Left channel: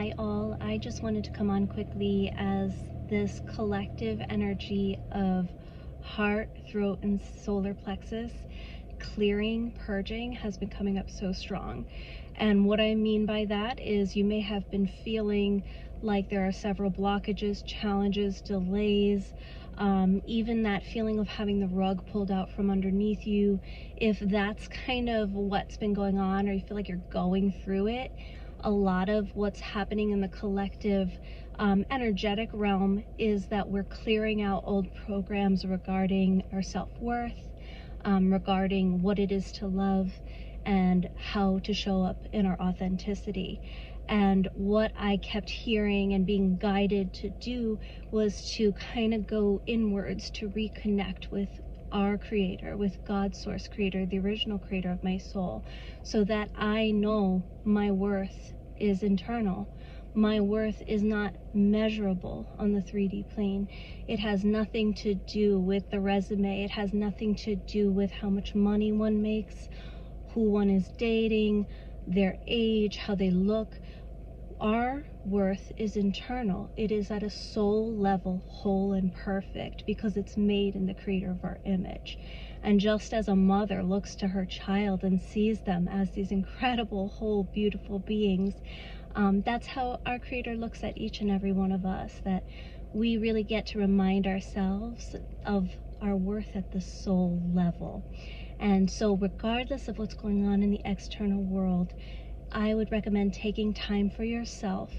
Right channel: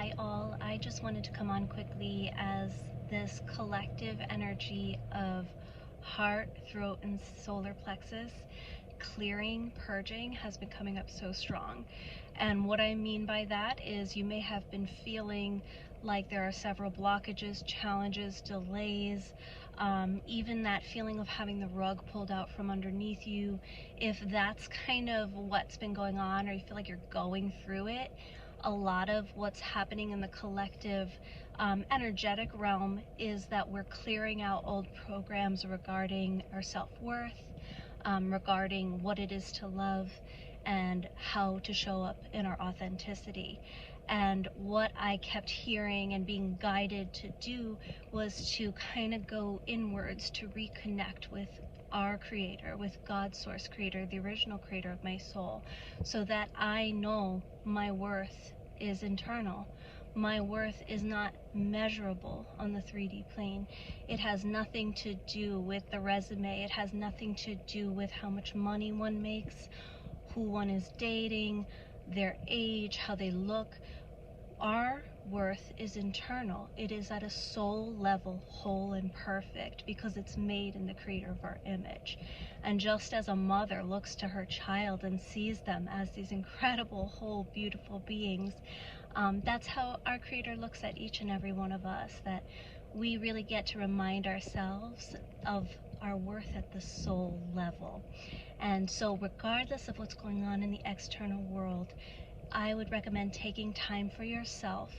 Hi all, I just wanted to come on quickly as this collective energy of heart, throat, and solar plexus clearing, purging has been coming up so strong. And what I mean by that is you may have been feeling like there are several blockages, challenges, delays, even that feeling of having the rug pulled out from underneath you. If that's kind of what's been going on, or you feel like you're going through it, a lot of what's happening in the collective energetic realm is that we're clearing out old programs regarding our self-worth, regarding what it is to love and how to show up in our authenticity. And what I kept hearing and being guided to do was to kind of go inwards to reconnect with our creator, with God's source creator, the original creator of my soul, so that I know my worth is internal. My worth is not measurable on the 3D plane. It has nothing to do with the resume. It has nothing to do with how much money one makes, who one is dating, their age, how they look. Our worth is internal. It is at a soul level, whole and perfect, because it's made in the creator of our image. And just as a mother looks to her child and sees them as these incredible, whole, beautiful beings, that's how our creator looks at each and every one of us, that we really get to remind ourselves of our worth at the soul level. And so regardless of what's going on in the external world, I would recommend taking time for yourself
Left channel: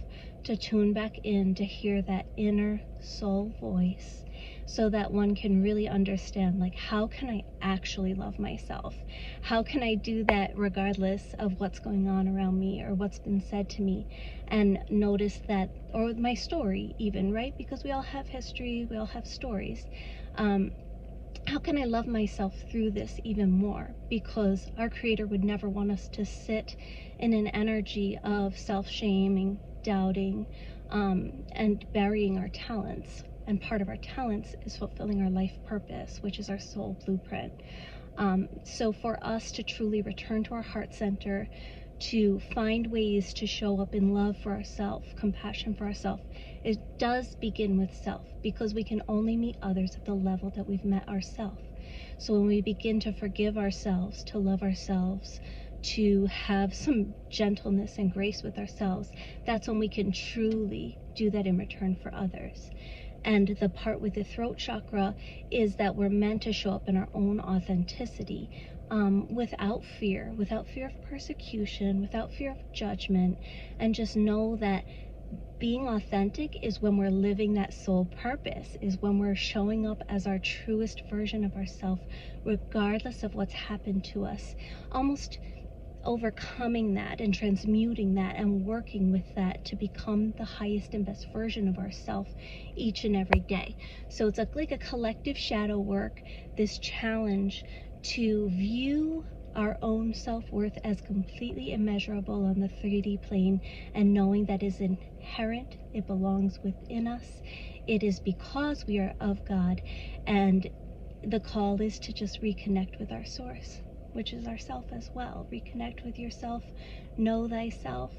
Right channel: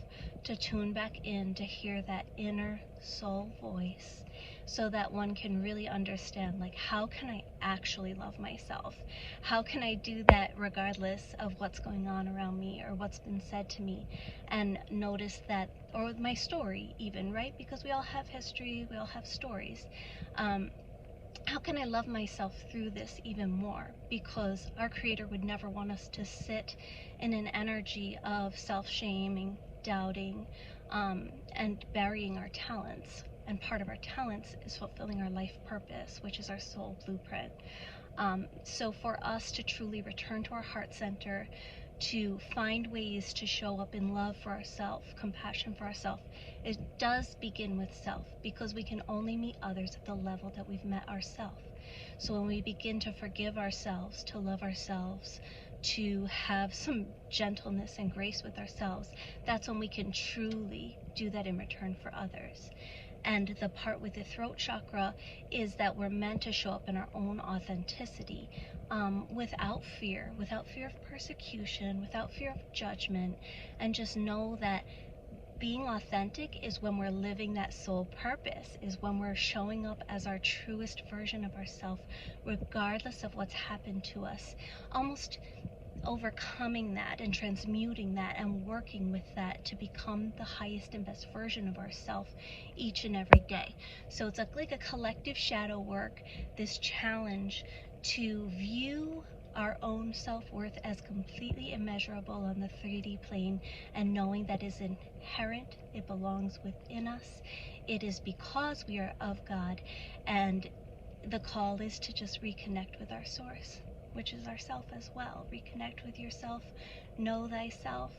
to tune back in to hear that inner soul voice, so that one can really understand, like, how can I actually love myself? How can I do that regardless of what's going on around me or what's been said to me? And notice that, or my story even, right? Because we all have history, we all have stories. How can I love myself through this even more? Because our creator would never want us to sit in an energy of self-shaming, doubting, and burying our talents. And part of our talents is fulfilling our life purpose, which is our soul blueprint. So for us to truly return to our heart center, to find ways to show up in love for ourselves, compassion for ourselves, it does begin with self, because we can only meet others at the level that we've met ourselves. So when we begin to forgive ourselves, to love ourselves, to have some gentleness and grace with ourselves, that's when we can truly do that in return for others. And the part with the throat chakra is that we're meant to show up in our own authenticity, without fear of persecution, without fear of judgment, and just know that being authentic is when we're living that soul purpose, is when we're showing up as our truest version of ourselves, regardless of what's happened to us, almost overcoming that and transmuting that and working with that to become the highest and best version of ourselves each and every day. So it's like a collective shadow work, this challenge to view our own self-worth as completely immeasurable on the 3D plane, and knowing that is inherent, it belongs within us, it is because we are of God, and the call is to just reconnect with our source, which is ourself as well. Reconnect with yourself, know thyself,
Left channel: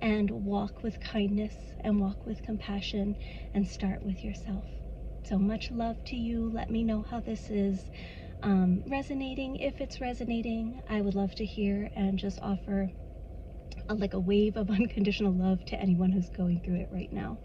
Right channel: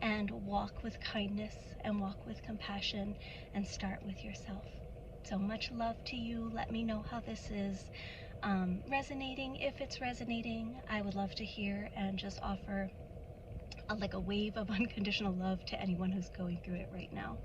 and walk with kindness and walk with compassion, and start with yourself. So much love to you. Let me know how this is resonating. If it's resonating, I would love to hear and just offer like a wave of unconditional love to anyone who's going through it right now.